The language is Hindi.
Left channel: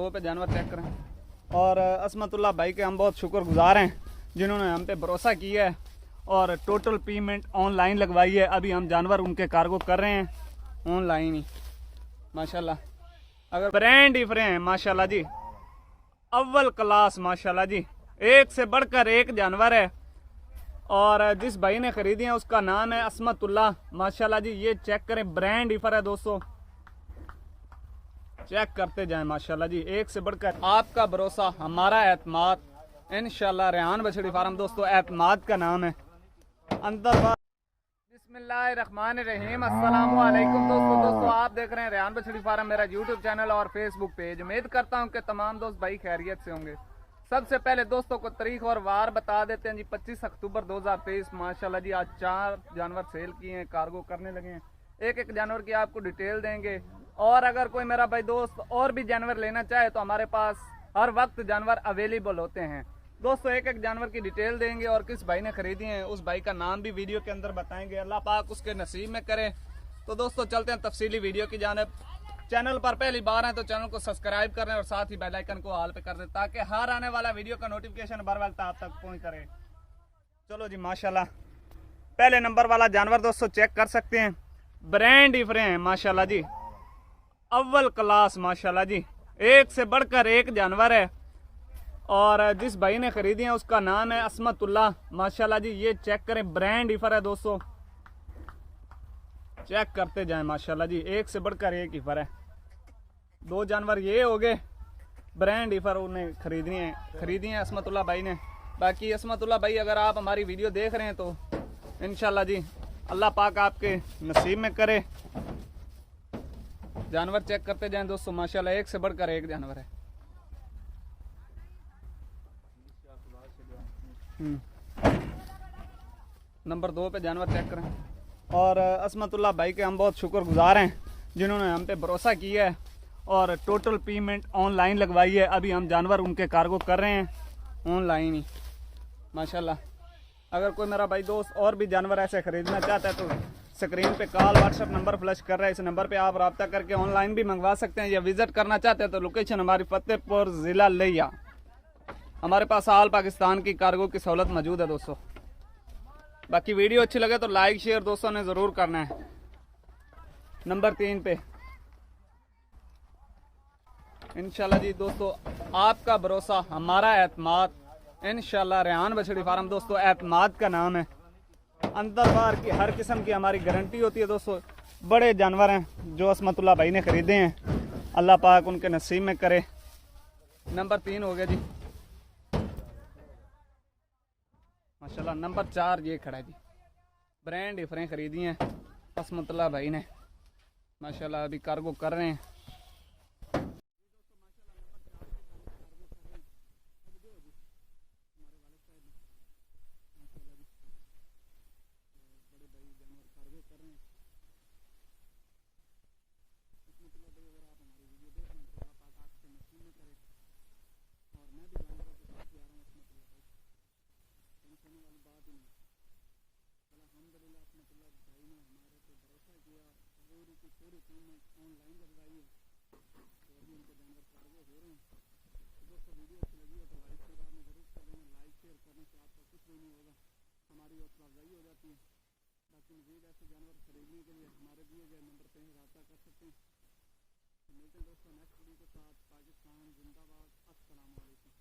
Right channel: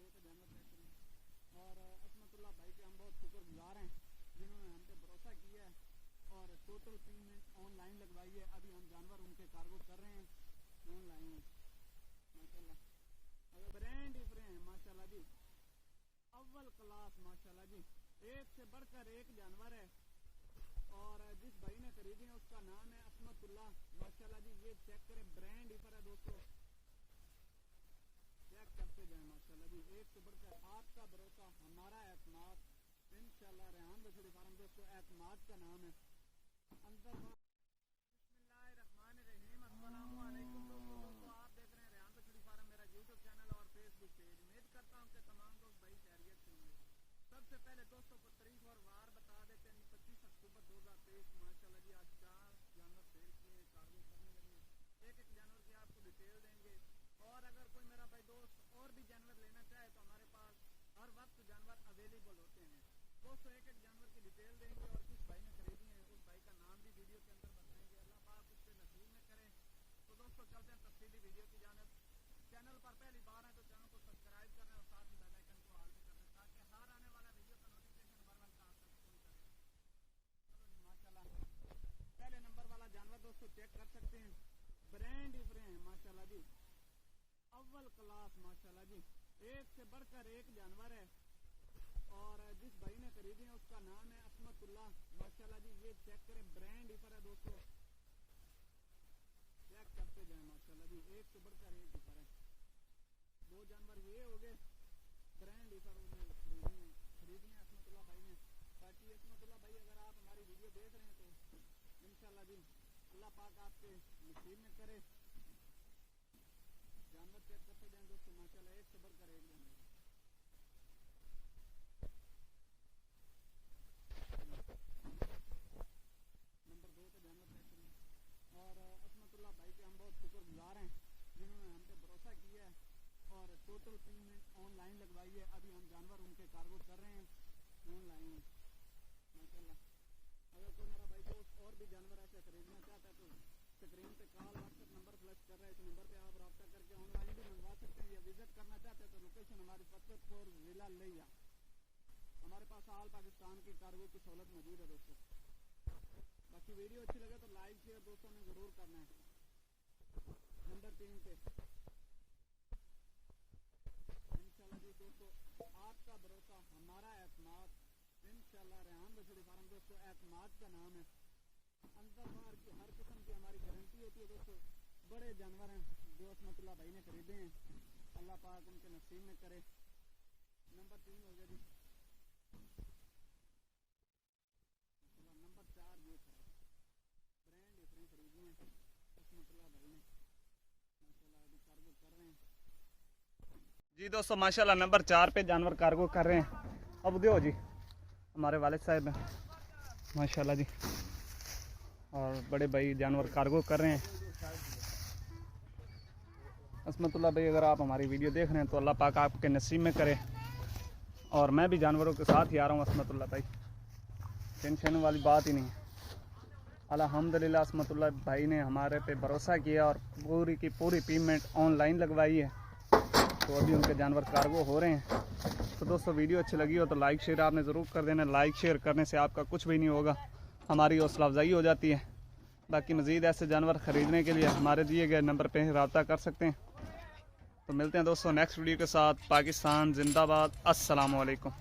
2 पे जानवर चेक करें। और असमतुल्लाह भाई के हम बहुत शुक्रगुजार हैं जिन्होंने हम पे भरोसा किया है और टोटल पेमेंट ऑनलाइन लगवाई है। अभी हम जानवर उनके कार्गो कर रहे हैं ऑनलाइन ही माशाल्लाह। अगर ब्रांड ही फ्रे हैं माशाल्लाह जी, अव्वल क्लास माशाल्लाह जी, एक से बढ़कर एक जानवर है। और जिस भाई ने खरीदी है उसका नाम है असमतुल्लाह माशाल्लाह जी। ये चेक करें, ब्रांड इफर है दोस्तों, चेक करते जाएं माशाल्लाह जी। एक से बढ़कर आपका भरोसा हमारा एतमाद इंशाल्लाह। रेहान बछड़ी फार्म दोस्तों एतमाद का नाम है। अंदर बिस्मिल्लाहिर्रहमानिर्रहीम, अस्सलाम वालेकुम दोस्तों आप देख रहे हैं रेहान बछड़ी फार्म, मेरा यूट्यूब चैनल और फेसबुक पेज। उम्मीद करता हूं कि तमाम दोस्त भाई खैरियत से होंगे। सबसे पहले दोस्तों को तारीख और वार बता देते हैं जी। 25 अक्टूबर 2023 माशाल्लाह जी। आज 4 जानवर सेल किए हैं, कार्गो करने लगे हैं। एक एक जानवर की आपको डिटेल देंगे। और अगर कोई मेरा भाई दोस्त और भी जानवर लेना चाहे तो हमारे पास हर वक्त जानवर अवेलेबल होते हैं दोस्तों। एक एक जानवर की डिटेल देंगे और किस भाई ने खरीदी है उस भाई का नाम भी वीडियो के अंदर बताएंगे। अल्लाह पाक उसके नसीब में करे। तो दोस्तों चलते हैं तफसीली वीडियो की जानिब। चैनल पर पहली बार है तो चैनल को सब्सक्राइब करें और साथ ही बेल आइकन को ऑल पे कर दें ताकि हर आने वाला वीडियो का नोटिफिकेशन बर वक्त आप तक पहुंच करे। चलो जी माशाल्लाह, पहले नंबर वाला जानवर दोस्तों चेक कर सकते हैं, ब्रांड ही फ्रे हैं माशाल्लाह जी, अव्वल क्लास माशाल्लाह जी, एक से बढ़कर एक जानवर है। और जिस भाई ने खरीदी है उसका नाम है असमतुल्लाह माशाल्लाह जी। ये चेक करें, ब्रांड इफर है दोस्तों, चेक करते जाएं माशाल्लाह जी। एक से बढ़कर एक इफर है। 2 जानवर ये हो गए ब्रांड इफर उन्हें खरीदी है असमतुल्लाह भाई ने। बाकी असमतुल्लाह भाई अगर आप हमारी वीडियो देख रहे हैं तो इंशाल्लाह जी अल्लाह पाक आपके नसीब में करे। जानवर चेक करते जाएं दोस्तों माशाल्लाह, एक से बढ़कर एक जानवर है। नंबर 2 पे जानवर चेक करें। और असमतुल्लाह भाई के हम बहुत शुक्रगुजार हैं जिन्होंने हम पे भरोसा किया है और टोटल पेमेंट ऑनलाइन लगवाई है। अभी हम जानवर उनके कार्गो कर रहे हैं ऑनलाइन ही माशाल्लाह। अगर कोई मेरा भाई दोस्त और भी जानवर ऐसे ख़रीदना चाहता है तो स्क्रीन पे कॉल व्हाट्सएप नंबर फ्लैश कर रहा है, इस नंबर पे आप रब्ता करके ऑनलाइन भी मंगवा सकते हैं। या विज़िट करना चाहते हैं तो लोकेशन हमारी फतेहपुर ज़िला लिया। हमारे पास ऑल पाकिस्तान की कार्गो की सहूलत मौजूद है दोस्तों। बाकी वीडियो अच्छी लगे तो लाइक शेयर दोस्तों ने ज़रूर करना है। नंबर 3 पे इंशाल्लाह जी दोस्तों आपका भरोसा हमारा एतमाद इंशाल्लाह। रेहान बछड़ी फार्म दोस्तों एतमाद का नाम है। अंदर बाहर की हर किस्म की हमारी गारंटी होती है दोस्तों। बड़े जानवर हैं जो असमतुल्लाह भाई ने खरीदे हैं, अल्लाह पाक उनके नसीब में करे। नंबर 3 हो गया जी माशाल्लाह। नंबर 4 ये खड़ा है जी, ब्रांड इफरें खरीदी हैं असमतुल्लाह भाई ने माशाल्लाह। अभी कार्गो कर रहे हैं जी दोस्तों माशाल्लाह। नंबर 4 पे जानवर कार्गो कर रहे हैं। अब दो जी हमारे वालिद साहब हैं माशाल्लाह जी, और बड़े भाई जानवर कार्गो कर रहे हैं। असमतुल्लाह भाई अगर आप हमारी वीडियो देख रहे हैं तो अल्लाह पाक आपके नसीब में करे। और मैं भी जानवरों के साथ ही आ रहा हूँ असमतुल्लाह भाई, टेंशन वाली बात ही नहीं है। अल्हम्दुलिल्लाह असमतुल्लाह भाई ने हमारे पे भरोसा किया और पूरी की पूरी पेमेंट ऑनलाइन लगवाई है। तो अभी उनके जानवर कार्गो हो रहे हैं। तो दोस्तों वीडियो अच्छी लगी हो तो लाइक शेयर आपने ज़रूर कर देना। लाइक शेयर करने से आपका कुछ भी नहीं होगा, हमारी हौसला अफजाई हो जाती है। बाकी मज़ीद ऐसे जानवर ख़रीदने के लिए हमारे दिए गए नंबर पे रब्ता कर सकते हैं। तो मिलते हैं दोस्तों नेक्स्ट वीडियो के साथ। पाकिस्तान जिंदाबाद। अस्सलाम वालेकुम।